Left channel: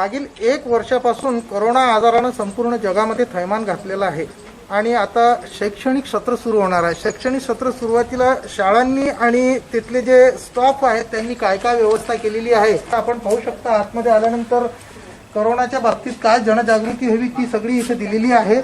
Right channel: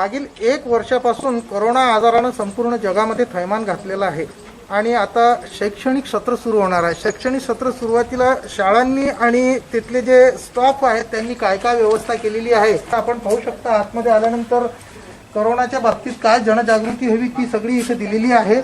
मागील एक वर्षापासून करोना आजारानं संपूर्ण जगामध्ये थैमान घातलेलं आहे. आणि आता शैक्षणिक सत्र सुरू होणार आहे. शैक्षणिक सत्र सुरुवातीला शाळांनी आणि तिथले जे स्टाफ आहेत त्यांनी काय काय व्यवस्था केलेली आहे आपण पाहू शकता. आतमध्ये आल्यानंतर करोनाच्या बाबतीत काय जनजागृती हवी ती सगळी इथे दिलेली आहे.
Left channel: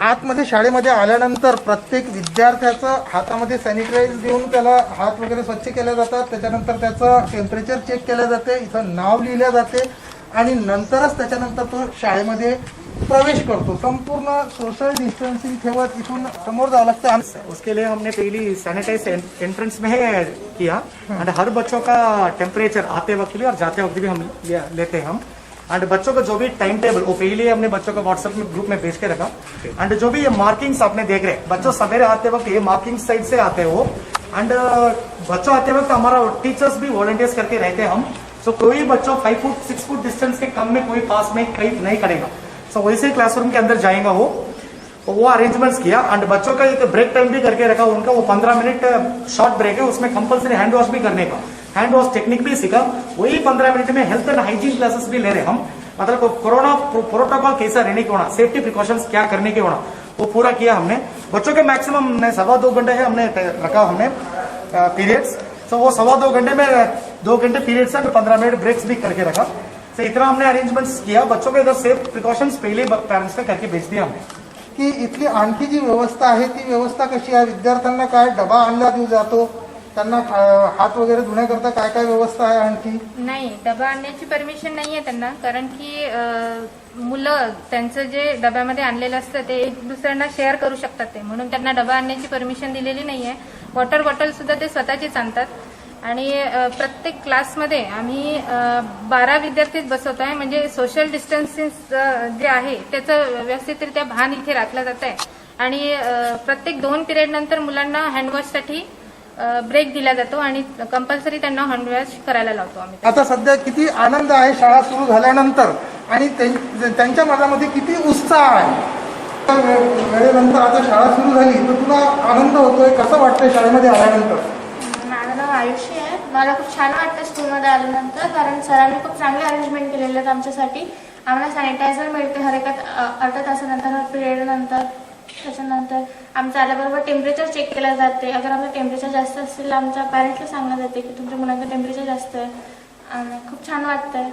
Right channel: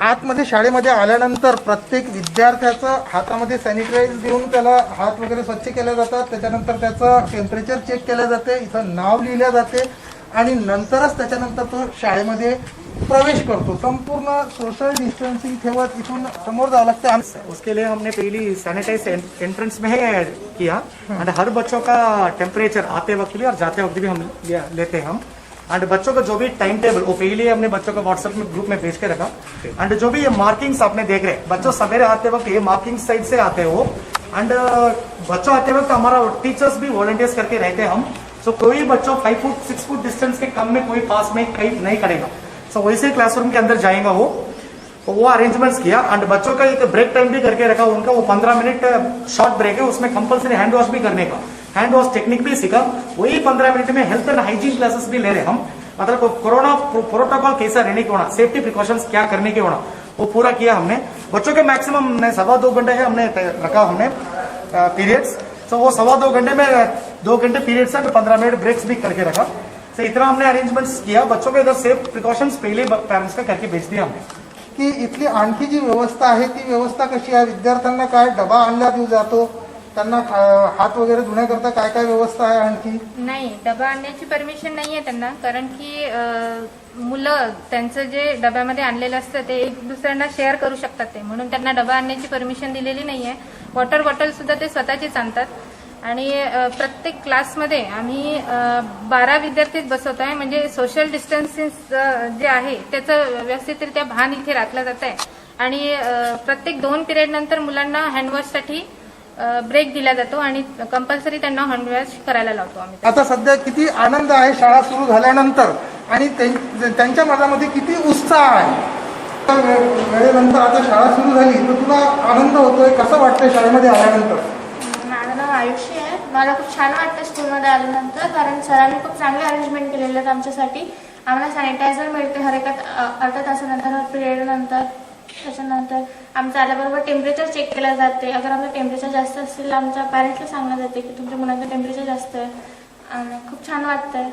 आतमध्ये शाळेमध्ये आल्यानंतर प्रत्येक विद्यार्थ्याचं हातामध्ये सॅनिटाईज देऊन त्याला हात वगैरे स्वच्छ केले जातात. त्याच्यानंतर त्याचं टेम्परेचर चेक केलं जाते. इथं नाव लिहिलं जाते. आणि नंतरच त्याच्यानंतर तो शाळेमध्ये प्रवेश करतो. संपूर्ण सोशल डिस्टन्सिंग ठेवत इथून समोर जावं लागतं. है उसके लिए हमने पहली सैनिटाइज एंट्रेंस में किया. एंड हर बच्चों का टेम्परेचर आते वक्त भी और जाते वक्त भी हम लेते हैं हम. एंड बच्चों का जो भी टाइम टेबल वो पहले हमने बच्चों का व्हाट्सएप में ग्रुप में भेज के रखा. एंड जो भी ये मार्किंग्स आपने देख रहे हैं बच्चों सवेरे आते वक्त ये मार्किंग साइड से आते हो. एंड बच्चों आते वक्त हमारा टीचर्स भी वॉलंटियर्स करके रहते हैं हम. सो so, कोई बच्चों five foot six foot distance के कम में कोई पास में कहीं नहीं करेगा। सो so, वैसे क्लासरूम के अंदर जाएगा वो। तो वो अरेंजमेंट्स किया एंड बच्चों का एक ब्रेक टाइम भी करके रखा। उनका वो पंद्रह मिनट शॉर्ट ब्रेक है। उसमें कंपलसरी हैंड वॉश भी करने का। हैंड वॉश टेक्निक भी सीखा। वही पंद्रह मिनट में हेल्थ एंड हाइजीन क्लासेस भी ले रहे हम। मतलब कोरोना प्रोटोकॉल कैसा रहने के होना सेफ्टी प्रिकॉशंस क्या करने के होना वो पूरा किया हमने। बच्चों के मैक्सिमम सवा दो घंटे है हमने रखा हमने पीरियड्स तो वो सवा दो घंटे में दो घंटे पीरियड्स है पंद्रह मिनट ब्रेक्स भी करके रखा। तो इतना हमने अरेंजमेंट्स किया। बच्चों के इधर सेफ प्रिकॉशंस पहले पेरेंट्स का करके भेज दिया हमने। की इथली आणखी जी व्यवस्था आहे ती व्यवस्था कशी आहे? विद्यार्थ्यांना काय डबा आणला देऊ जातो? त्यांना हात वगैरे धुण्याकरता काय काय व्यवस्था आहे आणखी? नाही डबा आणण्याची परमिशन नाही आहे त्यांना. कारण की अं, मुलं त्यांचं जे डब्यामध्ये आणलेलं असतं ते एक दुसऱ्यांना शेअर करू शकतात ते. म्हणून त्यांना डबा आणण्याची परमिशन दिलेली नाही आहे वॉटर बॉटल सुद्धा ते स्वतःचीच आणतात. आणि प्रत्येक क्लासमध्ये आम्ही बारा विद्यार्थीच बसवत आहे. म्हणजे सोशल डिस्टन्सिंग जे आहे त्याचं व्यवस्थितरित्या भान इथे राखलं जात आहे. आणि प्रत्येक दोन पिरियड नंतर मुलांना हँडवॉशसाठी ब्रेक दिला जातो आणि कंपल्सरी त्यांना हँडवॉश करायला लावतो आम्ही. आता सध्या किती आनंद आहे शाळा सुरू झाल्यानंतर आणि त्यां- त्यांच्या मनामध्ये किती उत्साह आहे? वेळेनंतर आता शाळा सुरू झाली तर तुला आनंद होतोय? कसं वाटतंय शाळेमध्ये आल्यानंतर? माझं नाव आयुषी आहे मला खूप छान वाटतं स्कूलमध्ये आल्यानंतर कारण सरांनी खूप चांगले अरेंजमेंट केलेले आहेत आमच्यासाठी. आम्हाला सॅनिटायझर मिळते हर एका अर्धा अर्ध्या तासानंतर पिरियड नंतर त्याच्यानंतर. आमचं आल्याबरोबर टेम्परेचर चेक केलं जाते अगर आमचं टेम्परेचर जास्त असेल तर आमच्या पॅरेंट्सला सांगलं जाते की तुमच्या मुलांचं टेम्परेचर जास्त आहे. आणि खूप छान वाटतंय.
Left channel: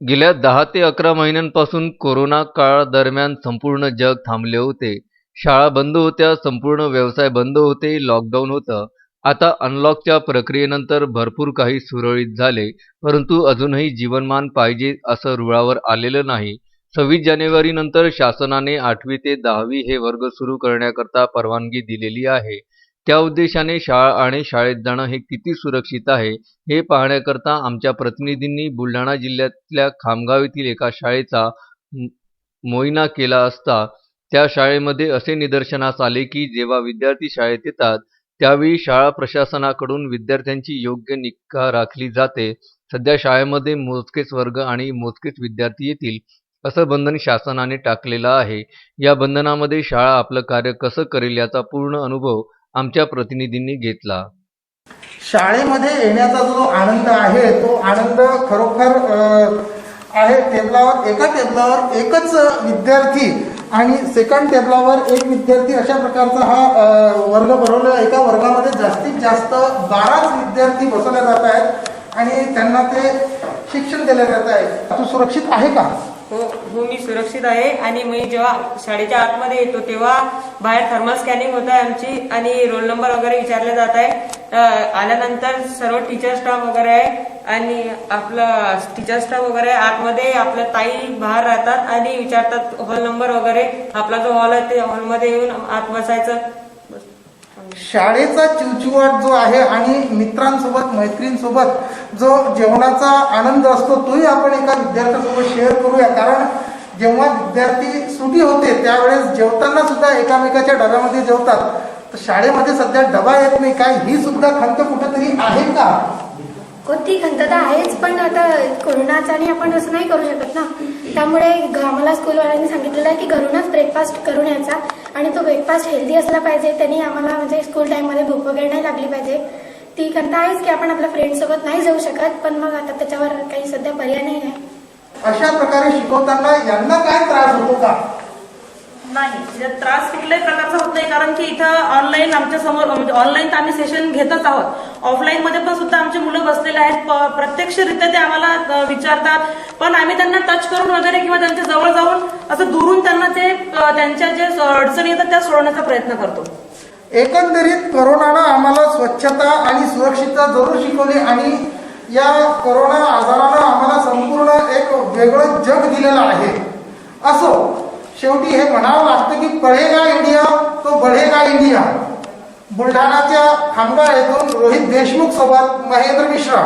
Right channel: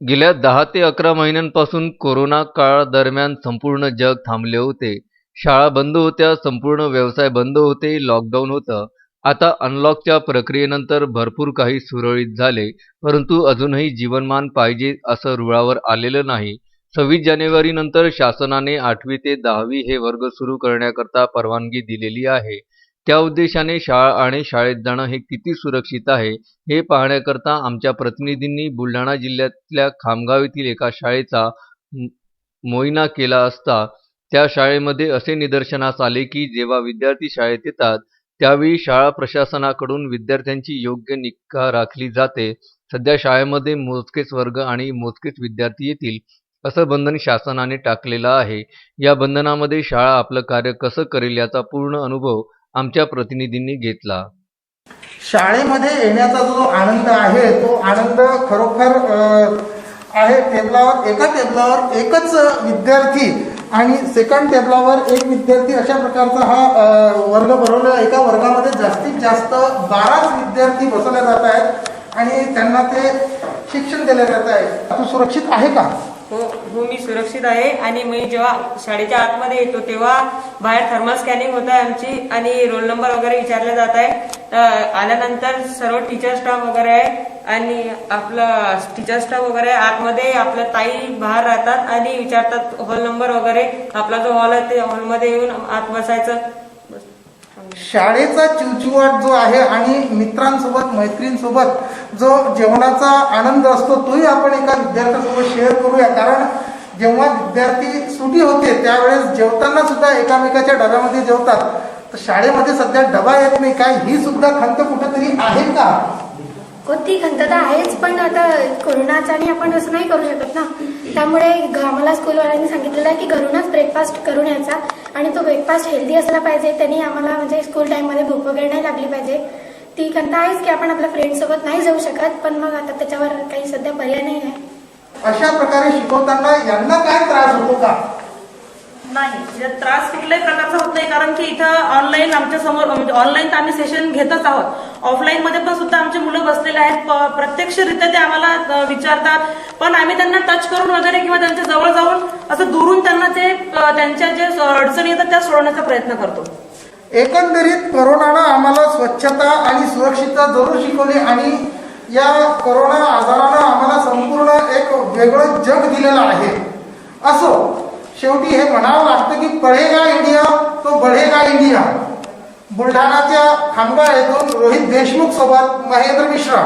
गेल्या दहा ते अकरा महिन्यांपासून कोरोना काळादरम्यान संपूर्ण जग थांबले होते. शाळा बंद होत्या संपूर्ण व्यवसाय बंद होते लॉकडाऊन होतं. आता अनलॉकच्या प्रक्रियेनंतर भरपूर काही सुरळीत झाले परंतु अजूनही जीवनमान पाहिजे असं रुळावर आलेलं नाही. सव्वीस जानेवारीनंतर शासनाने आठवी ते दहावी हे वर्ग सुरू करण्याकरता परवानगी दिलेली आहे. त्या उद्देशाने शाळा आणि शाळेत जाणं हे किती सुरक्षित आहे हे पाहण्याकरता आमच्या प्रतिनिधींनी बुलढाणा जिल्ह्यातल्या खामगाव येथील एका शाळेचा मोहिना केला असता. त्या शाळेमध्ये असे निदर्शनास आले की जेव्हा विद्यार्थी शाळेत येतात त्यावेळी शाळा प्रशासनाकडून विद्यार्थ्यांची योग्य निगा राखली जाते. सध्या शाळेमध्ये मोजकेच वर्ग आणि मोजकेच विद्यार्थी येतील असं बंधन शासनाने टाकलेलं आहे. या बंधनामध्ये शाळा आपलं कार्य कसं करेल याचा पूर्ण अनुभव आमच्या प्रतिनिधींनी घेतला. शाळेमध्ये येण्याचा जो आनंद आहे तो आनंद खरोखर आहे टेबलावर एका टेबलावर एकच विद्यार्थी आणि सेकंड टेबलावर एक विद्यार्थी अशा प्रकारचा हा वर्ग भरवलेला एका वर्गामध्ये जास्तीत जास्त बाराच विद्यार्थी बसवले जात आहेत आणि त्यांना ते शिक्षण दिले जात आहे. तू सुरक्षित आहे का? हो हो मी सुरक्षित आहे आणि मी जेव्हा शाळेच्या आतमध्ये येतो तेव्हा बाहेर थर्मल स्कॅनिंग होत आहे आमची आणि रोल नंबर वगैरे विचारले जात आहे. आल्यानंतर सर्व टीचर स्टाफ वगैरे आहे आणि आपलं टीचर स्टाफ वगैरे आतमध्ये आपल्या ताई बाहेर राहतात आणि विचारतात हॉल नंबर वगैरे. आपला जो हॉल आहे ते हॉलमध्ये येऊन आत बसायचं. शाळेचा चिवचिवाट जो आहे आणि मित्रांसोबत मैत्रीणसोबत जो जेवणाचा आनंद असतो तोही आपण एका विद्यार्थ्यासोबत शेअर करूया. कारण जेव्हा विद्यार्थी सुटी होते त्यावेळेस जेवताना सुद्धा एकामेकाच्या डब्यामध्ये जेवतात. तर शाळेमध्ये सध्या डबा येत नाही. काय ही सुद्धा खंत कुठेतरी आहे का? कोणती खंत तर आहेच पण आता कोरोनाचा आणि आपण असं नाही करू शकत ना. त्यामुळे आम्हाला स्कूलवाल्यांनी सांगितलेलं आहे की घरूनच ब्रेकफास्ट करून यायचा. आणि तो ब्रेकफास्ट हेल्दी असला पाहिजे त्यांनी आम्हाला म्हणजे स्कूल टाईममध्ये भूक वगैरे नाही लागली पाहिजे. ती कंता आहेच की आपण आपल्या फ्रेंडसोबत नाही जाऊ शकत पण मग आता त्याच्यावर काही सध्या पर्याय नाही आहे अशा प्रकारे शिकवताना यांना काय त्रास होतो का? नाही. म्हणजे त्रास कुठल्याही प्रकारचा होत नाही कारण की इथं ऑनलाईन आमच्यासमोर म्हणजे ऑनलाईन तर आम्ही सेशन घेतच आहोत. ऑफलाईन मध्ये पण सुद्धा आमचे मुलं बसलेले आहेत. प- प्रत्यक्षरित्या ते आम्हाला विचारतात. पण आम्ही त्यांना टच करून वगैरे किंवा त्यांच्या जवळ जाऊन असं दुरून त्यांना ते त्यांच्या जे अडचणी येतात त्या सोडवण्याचा प्रयत्न करतो. एकंदरीत करोनानं आम्हाला स्वच्छता आणि सुरक्षितता जरूर शिकवली आणि या करोना आजारानं आम्हाला संपूर्ण एक वेगळं जग दिलेलं आहे. असो शेवटी हे म्हणावं लागतं की पळेगा इंडिया तो बढेगा इंडिया. बुलढाणाच्या खामगाव येथून रोहित देशमुख सोबत महेंद्र मिश्रा.